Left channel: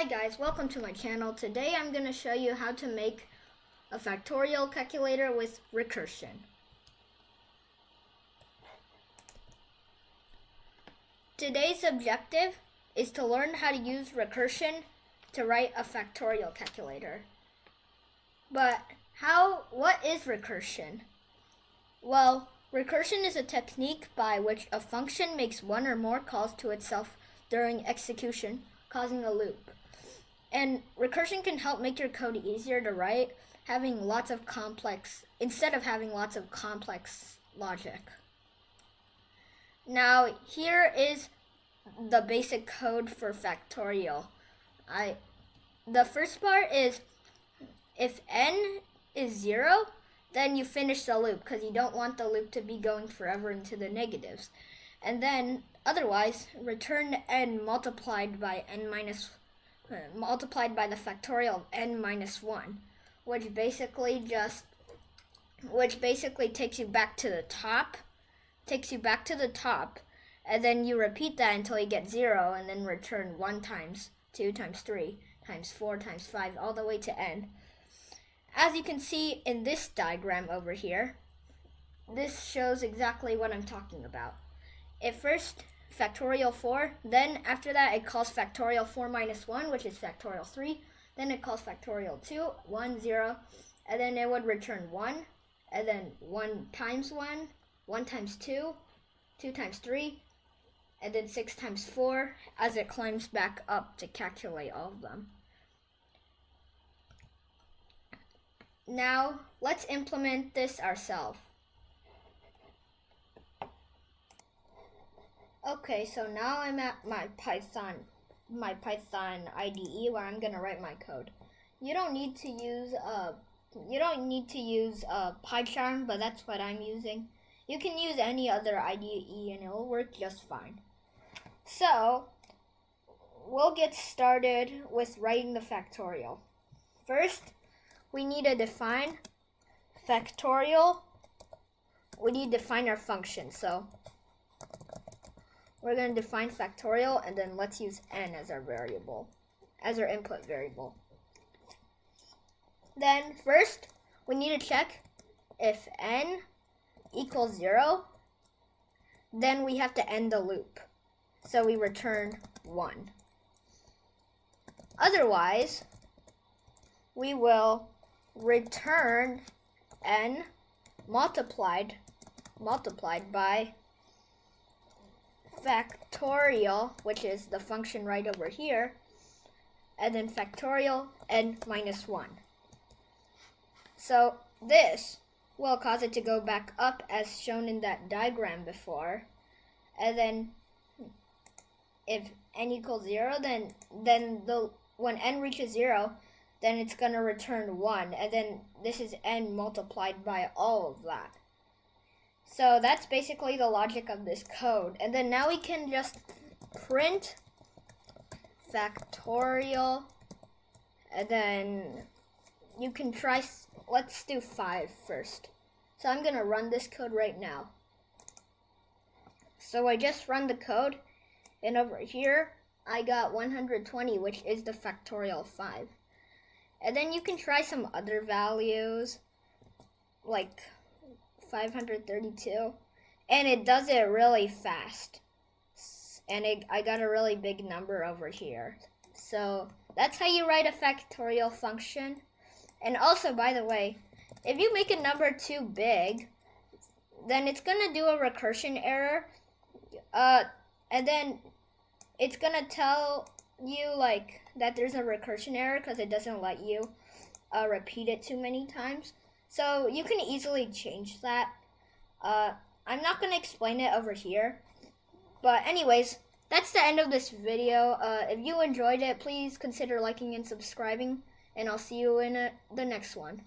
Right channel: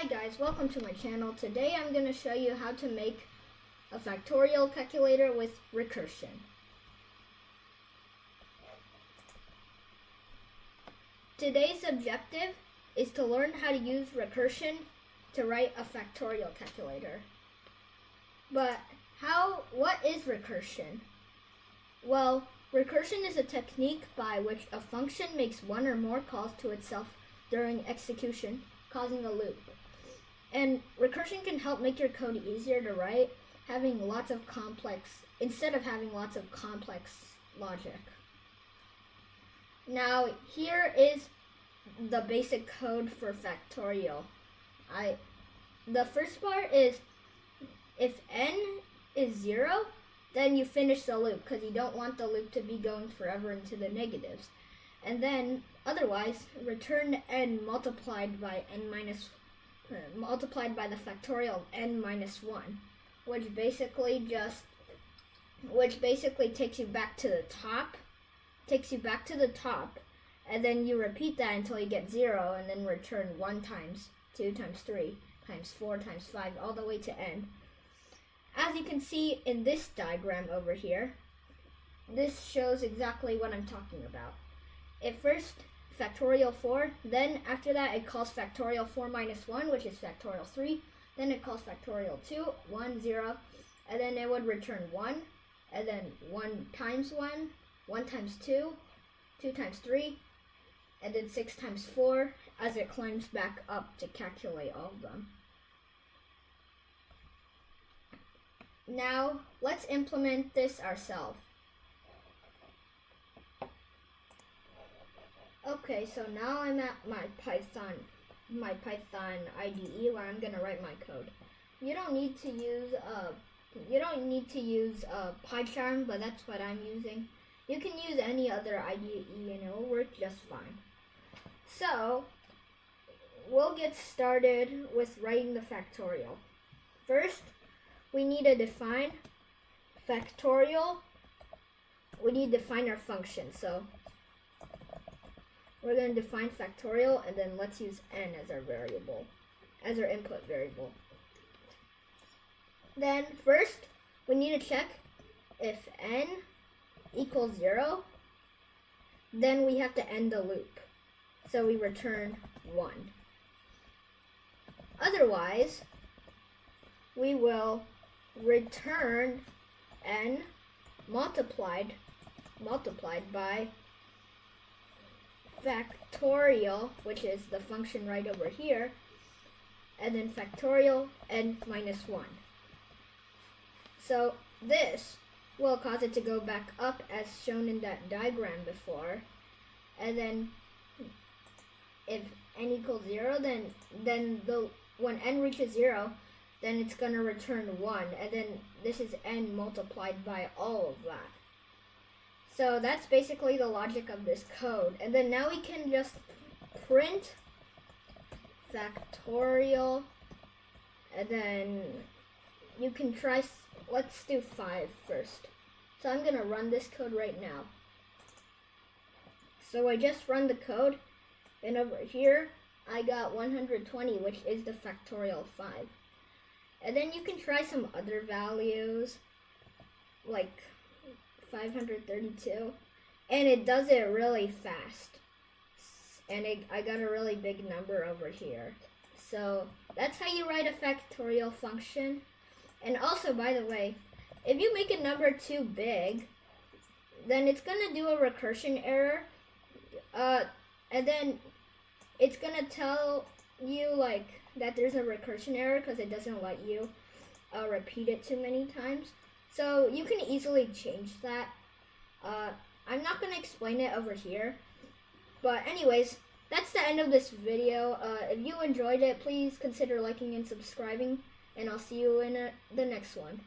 Hi guys, welcome to my channel. Today I'm going to show you how to make a factorial calculator with recursion. Today's objective is to learn how to use recursion to write a factorial calculator. But what is recursion? Well, recursion is a technique by which a function makes one or more calls to itself during execution, causing a loop. And recursion can help make your code easier to write, instead of having lots of complex logic. Now, here is the basic code for factorial. The first part is if n is 0, then you finish the loop because you don't want the loop to be going forever into the negatives. And then otherwise, return n multiplied by the factorial of n minus 1, which basically takes you back to the top, and then you repeat that until you get 0, and then return 1 times 2 times 3 times 4 times 5 all the way to n. As you can see in this diagram over here, this shows exactly what I'm talking about. At first, factorial 4, then after that it calls factorial 4 minus 1, which is factorial 3, then it calls factorial 2, 1, 0, and then it would return 1, and then 1 times 1, 1 times 2, 2 times 3, and then 6 times 4 as it climbs back up to calculate all of them. Now, let's implement this ourselves. Okay, so now I'm at my Python IDE where I'm gonna write my code. You don't need to use PyCharm, but that's what I'm using. You can use any other IDE and it'll work just fine. So we'll get started with writing the factorial. First, we need to define factorial. We need to define our function. So we're going to define factorial, and then let's use n as our input variable. Then first, we need to check if n equals 0, then we have to end the loop. So we return 1. Otherwise, we will return n multiplied by factorial, which is the function right over here, and then factorial n minus 1. So this will cause it to go back up as shown in that diagram before, and then if n equals 0, then when n reaches 0, then it's going to return 1, and then this is n multiplied by all of that. So that's basically the logic of this code. And then now we can just print factorial, and then you can try, let's do 5 first. So I'm gonna run this code right now. So I just run the code, and over here I got 120, which is the factorial of 5. And then you can try some other values, like 532, and it does it really fast, and I got a really big number over here. So that's how you write a factorial function. And also, by the way, if you make a number too big, then it's gonna do a recursion error, and then it's gonna tell you like that there's a recursion error because it doesn't let you repeat it too many times. So you can easily change that. I'm not going to explain it over here. But anyways, that's the end of this video. If you enjoyed it, please consider liking and subscribing. And I'll see you in the next one.